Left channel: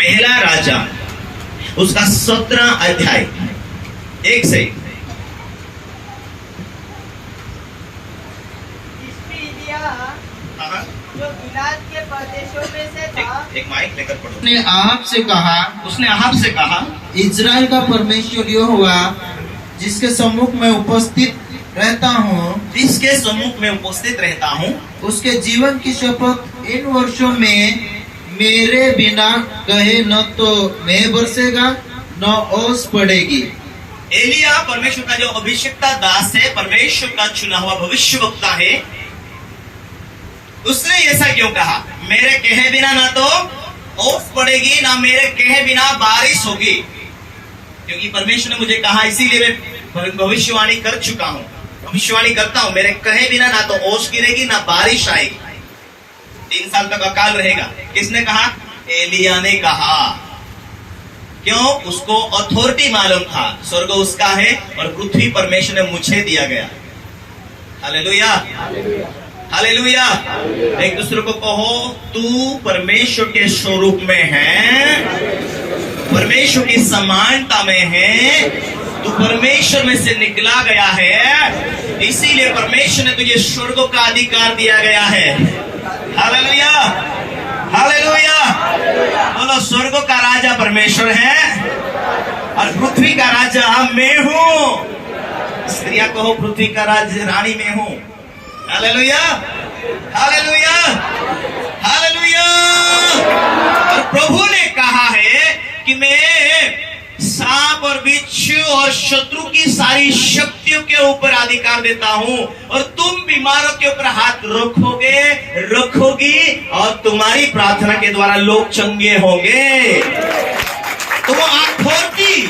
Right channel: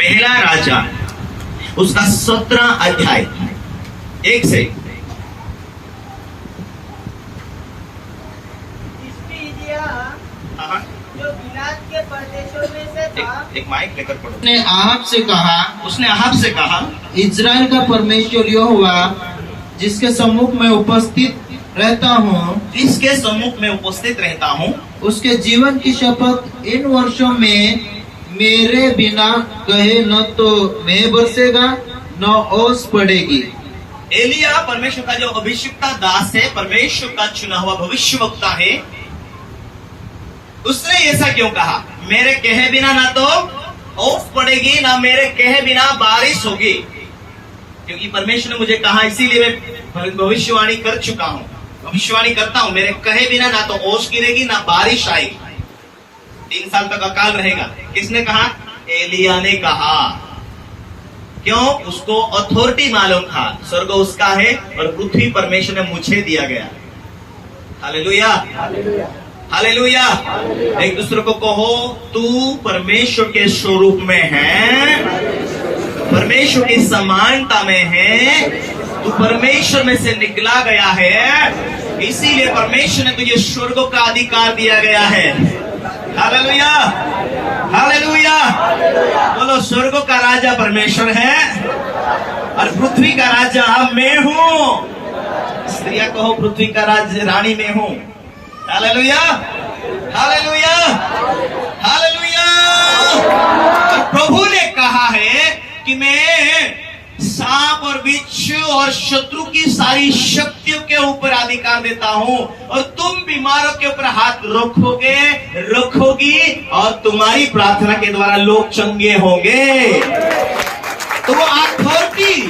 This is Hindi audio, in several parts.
पहला राजा उसका 17 अध्याय 1 से। जो गिलाद के प्रदेशों में से था, एक माइक लेकर पढ़ो। उसने आहब से कहा, इज़राइल का परमेश्वर यहोवा जिसके सम्मुख में उपस्थित रहता हूँ, जिसके सम्मुख में उपस्थित रहता हूँ, उसके जीवन की शपथ इन वर्षों में मेरे बिना कहे न तो मैं बरसेगा न ओस पड़ेगी। एलिया परमेश्वर का जो अभिषिक्ता दास है, परमेश्वर का चुना हुआ भविष्यवक्ता है, उसने ऐसा क्यों कहा? मेरे कहे बिना ना तो ओस पड़ेगी ना मेरे कहे बिना बारिश होगी। क्योंकि परमेश्वर ने मुझे कहा, इसीलिए मैं भविष्यवाणी कर चुका हूं, भविष्यवाणी करता हूं। मेरे कहे बिना ना तो ओस गिरेगी ना बारिश आएगी, 3 साल तक अकाल रहेगा। किसने कहा? एलिया ने कहा। क्यों? उसको अथॉरिटी मालूम था, स्वर्ग उसका है और पृथ्वी परमेश्वर ने मुझे दिया गया। Hallelujah, hallelujah. एक दूसरे को कहो, तू परमेश्वर के स्वरूप में है, परमेश्वर की समानता में है, तू परमेश्वर में से निकला गया है, इसीलिए परमेश्वर ने तुझे स्वर्ग का अधिकार दिया गया है। Hallelujah, hallelujah. बोलो, स्वर्ग का राजा परमेश्वर है और पृथ्वी का राजा मैं हूँ। स्त्रियां कहो, पृथ्वी का रानी मैं हूँ। Hallelujah, hallelujah, hallelujah. और प्रभु ने कहा है कि मैं सांप और बिच्छू और शत्रु की सारी शक्तियों के ऊपर अधिकार देता हूं, और तुम बीमारों के ऊपर हाथ रखोगी और तुम्हारी प्रार्थना के द्वारा लोग चंगे होंगे। तो वो अथॉरिटी,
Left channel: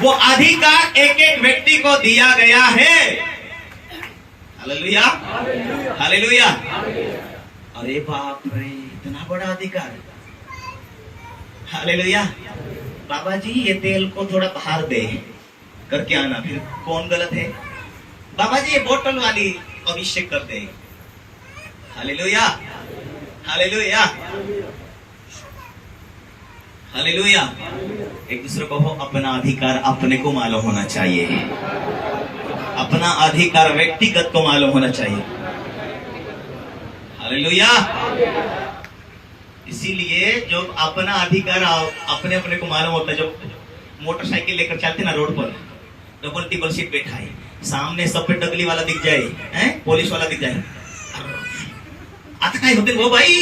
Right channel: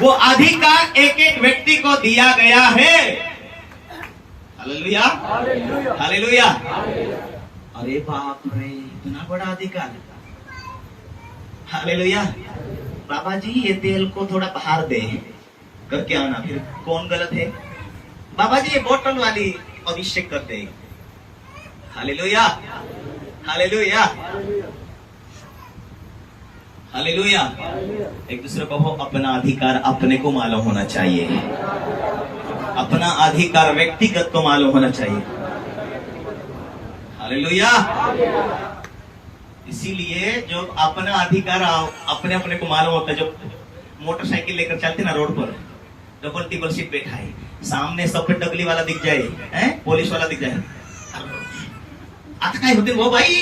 वो अधिकार एक एक व्यक्ति को दिया गया है। Hallelujah, hallelujah. अरे बाप रे, इतना बड़ा अधिकार। हालेलुया। बाबा जी, ये तेल को थोड़ा बाहर दे करके आना। फिर कौन गलत है? बाबा जी, ये बोतल वाली अभिषेक कर दे। Hallelujah, hallelujah, hallelujah. एक दूसरे को हो, अपना अधिकार अपने को मालूम होना चाहिए, अपना अधिकार व्यक्तिगत को मालूम होना चाहिए। हालेलुया। इसीलिए जो अपना अधिकार अपने अपने को मालूम होता है, जो मोटरसाइकिल लेकर चलते ना रोड पर, डबल टिबल सीट बैठा है, सामने सब पे डगली वाला दिख जाए, पुलिस वाला दिख जाए, आता काय होते वो भाई,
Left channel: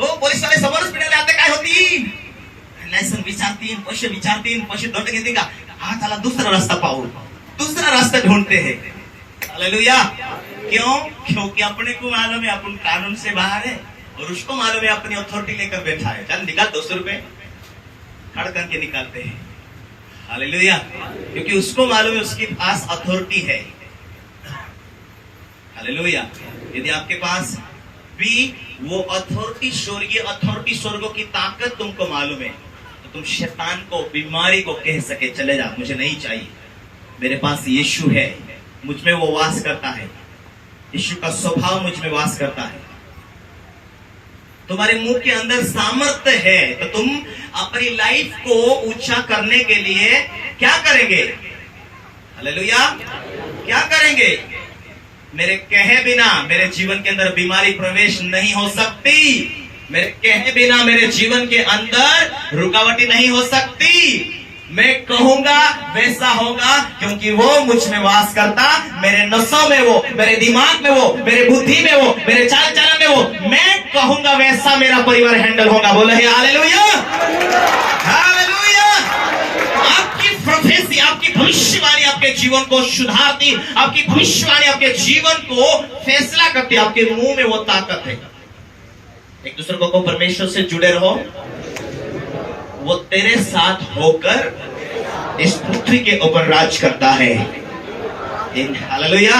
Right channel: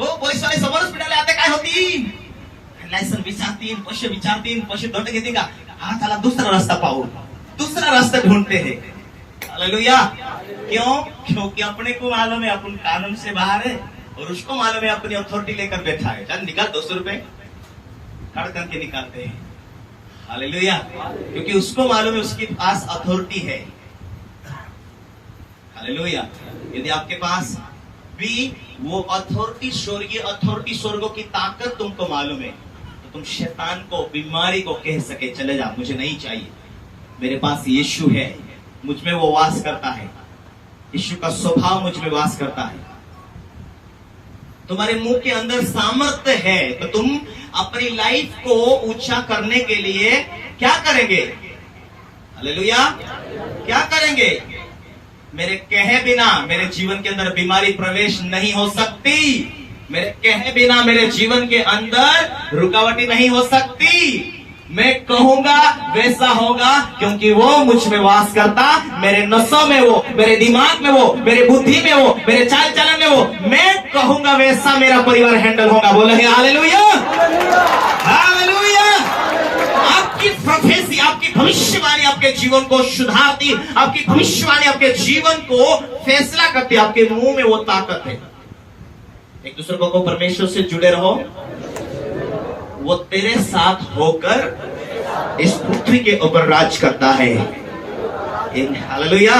हो पोलीस वाले समोरच पिढाले आता काय होती, लायसन विचारतील, पैसे दंड घेते का? हा, त्याला दूसरा रास्ता पाहू, दूसरा रास्ता ढूंढते हैं। हालेलुया। क्यों? क्योंकि अपने को मालूम है अपन कानून से बाहर है, और उसको मालूम है अपनी अथॉरिटी लेकर बैठा है। चल निकाल 200 रुपए, खड़ करके निकालते हैं। हालेलुया। क्योंकि उसको मालूम है उसके पास अथॉरिटी है। हालेलुया। यदि आपके पास भी वो अथॉरिटी, स्वर्गीय अथॉरिटी, स्वर्गों की ताकत तुमको मालूम है, तो तुम शैतान को, बीमारी को कह सके, चले जा, मुझे नहीं चाहिए, मेरे पास यीशु है, मुझ में वो वास करता है, यीशु का स्वभाव मुझ में वास करता है। तुम्हारे मुंह के अंदर सामर्थ्य है, तो तुम अपनी लाइफ को ऊंचा करने के लिए क्या करेंगे? हालेलुया, क्या करेंगे? मेरे कहे बिना मेरे जीवन के अंदर बीमारी प्रवेश नहीं हो सकती, मेरे कहे बिना मेरे जीवन के अंदर रुकावटें नहीं हो सकती। मैं कहूंगा वैसा होगा, क्योंकि वो मुझ में वास करता, मेरे नसों में वो, मेरे दिमाग में वो, मेरे बुद्धि में वो, मेरे चाल चलन में वो। मैं कहूंगा वैसा मेरा परिवार हैंडल होगा। बोले हालेलुया, हालेलुया। आपकी प्रोफेसी, आपकी भविष्यवाणी आपके जीवन को सुधारती, आपकी भविष्यवाणी आपके जीवन को फैसला करती, आपके मुंह में वो ताकत है। एक दूसरे को परमेश्वर से जुड़े रहो, वो तेरे साथ होकर इस पृथ्वी के ऊपर राज करता है। हालेलुया।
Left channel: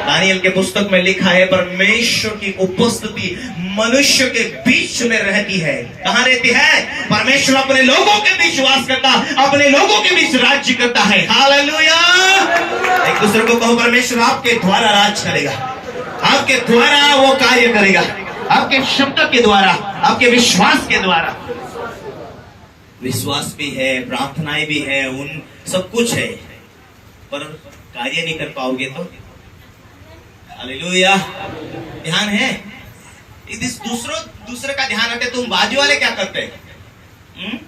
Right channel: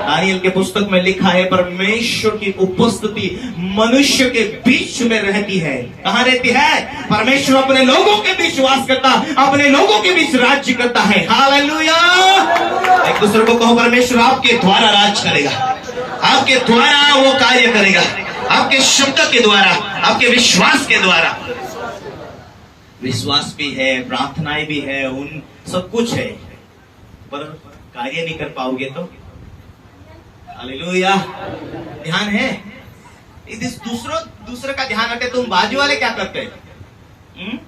दानियल के पुस्तक में लिखा है, परमेश्वर की उपस्थिति मनुष्य के बीच में रहती है। कहाँ रहती है? परमेश्वर अपने लोगों के बीच वास करता, अपने लोगों के बीच राज्य करता है। हालेलुया। एक दूसरे को कहो, परमेश्वर आपके द्वारा राज करेगा, आपके द्वारा वो कार्य करेगा, आपके शब्द के द्वारा, आपके विश्वास के द्वारा। विश्वास भी है, प्रार्थनाएं भी है, उन सब कुछ है, पर कार्य नहीं कर पाओगे तो हालेलुया। ध्यान है, यदि दूसरे का ध्यान हटे, तुम बाजू वाले क्या करते हैं?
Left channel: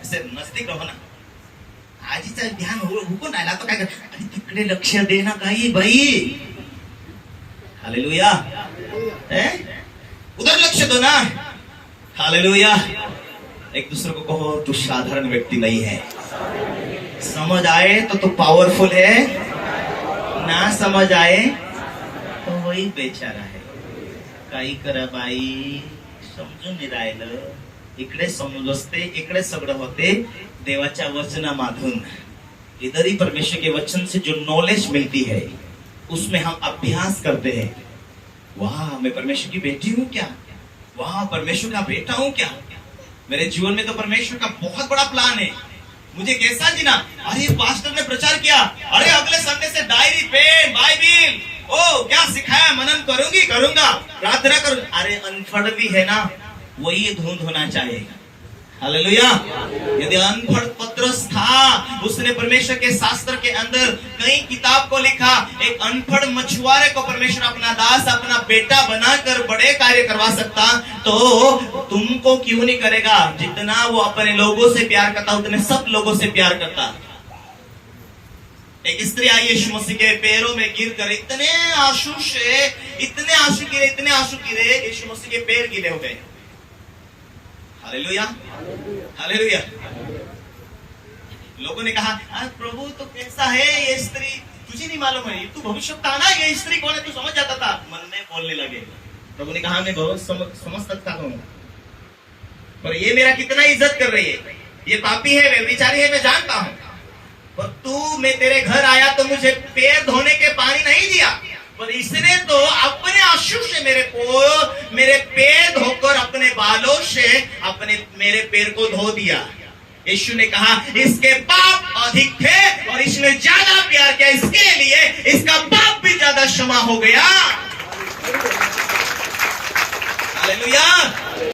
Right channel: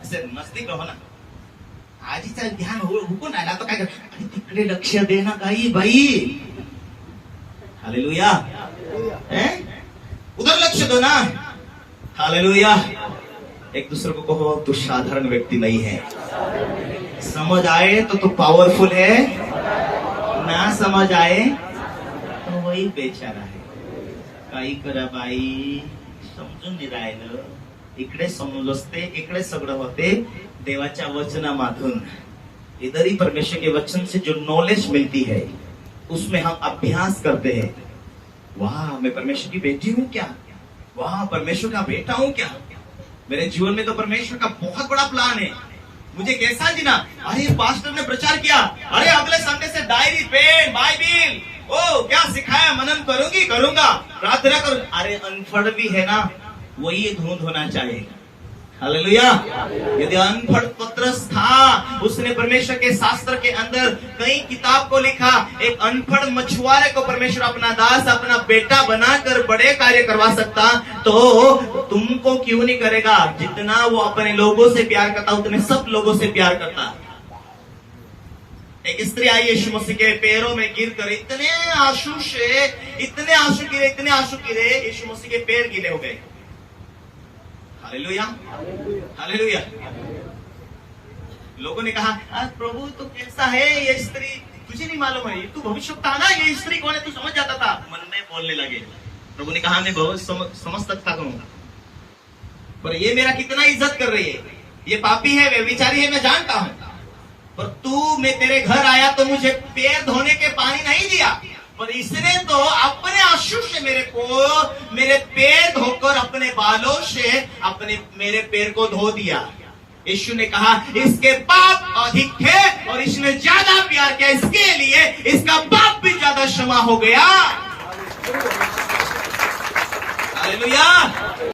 ऐसे नजदीक रहो ना, आजीचा ध्यान हुकून राहिला तो काय कर, अरे तिकडे लक्ष दे ना काही भाई, हालेलुया, उधर लक्ष दो ना, हालेलुया। एक दूसरे को कहो तू साधारण व्यक्ति नहीं है, समझ आए तो तू पावरफुल है, ना समझ आए तो वही बेचारा है। काही करा बाई, समजून नाही राहिलं, इकडे समजते, इकडे सगळं होते देवाच्या वचनामधून। इधर ही परमेश्वर के वचन से जो नॉलेज मिलती है उसमें हम अभ्यास करते हैं। वाह, मैं परमेश्वर की बेटी हूं क्या? वाह, परमेश्वर का बेटा हूं क्या? मेरे जीवन में तो परमेश्वर का बहुत बड़ा प्लान है, मुझे कैसा जीना। अरे पास्टर ने प्रचार किया, अरे अगले संडे से डायरी पेन बाइबिल, ओ क्या सिखाया, मनन करूंगा, प्रार्थना करूं। अरे अनपढ़ भी है ना, वही धुंध होना चाहिए, हालेलुया। यदि अनपढ़ पत्रस था, उसने परमेश्वर के शास्त्र के अंदर कई किताब को लिखा, एक अनपढ़ मछुआरे को परमेश्वर अपना दास, अपना बेटा बनाकर बड़े कार्य करवा सकता, तो तुमको क्यों नहीं करेगा? जितना वो अपने लोगों से प्यार करता, उतने सब लोगों से प्यार करता है। एक स्त्री आई यीशु मसीह के पैरों में गिरकर इतने आंसू गिरे, यीशु मसीह के पैर गीले हो गए। Hallelujah, hallelujah. लोगों ने कहा, प्रभु तो कैसा है ये स्त्री, तुझे नहीं मालूम है, तू भविष्यवक्ता ना, ये स्त्री कौन है, तू समझ जाता था। मन में बोलने लगे। प्रभु ने कहा, मैं बहुत समझ सकता हूँ, पर ये मेरा कितना इज्जत कर रही है, ये पापी है, वे विचारी है, मैं जानता हूँ, पर तू, मैं तेरे घर आया तो मुझे पैर धोने के पानी नहीं दिया, पर इसने तो अपने आंसू से मेरे पैर धोकर अपने बालों से मेरे पैर को धो दिया। यीशु ने कहा, इसके पाप अधिक थे और इसने ज्यादा प्यार किया, इसके लिए इसका पाप भी ज्यादा क्षमा हो गया। हालेलुया।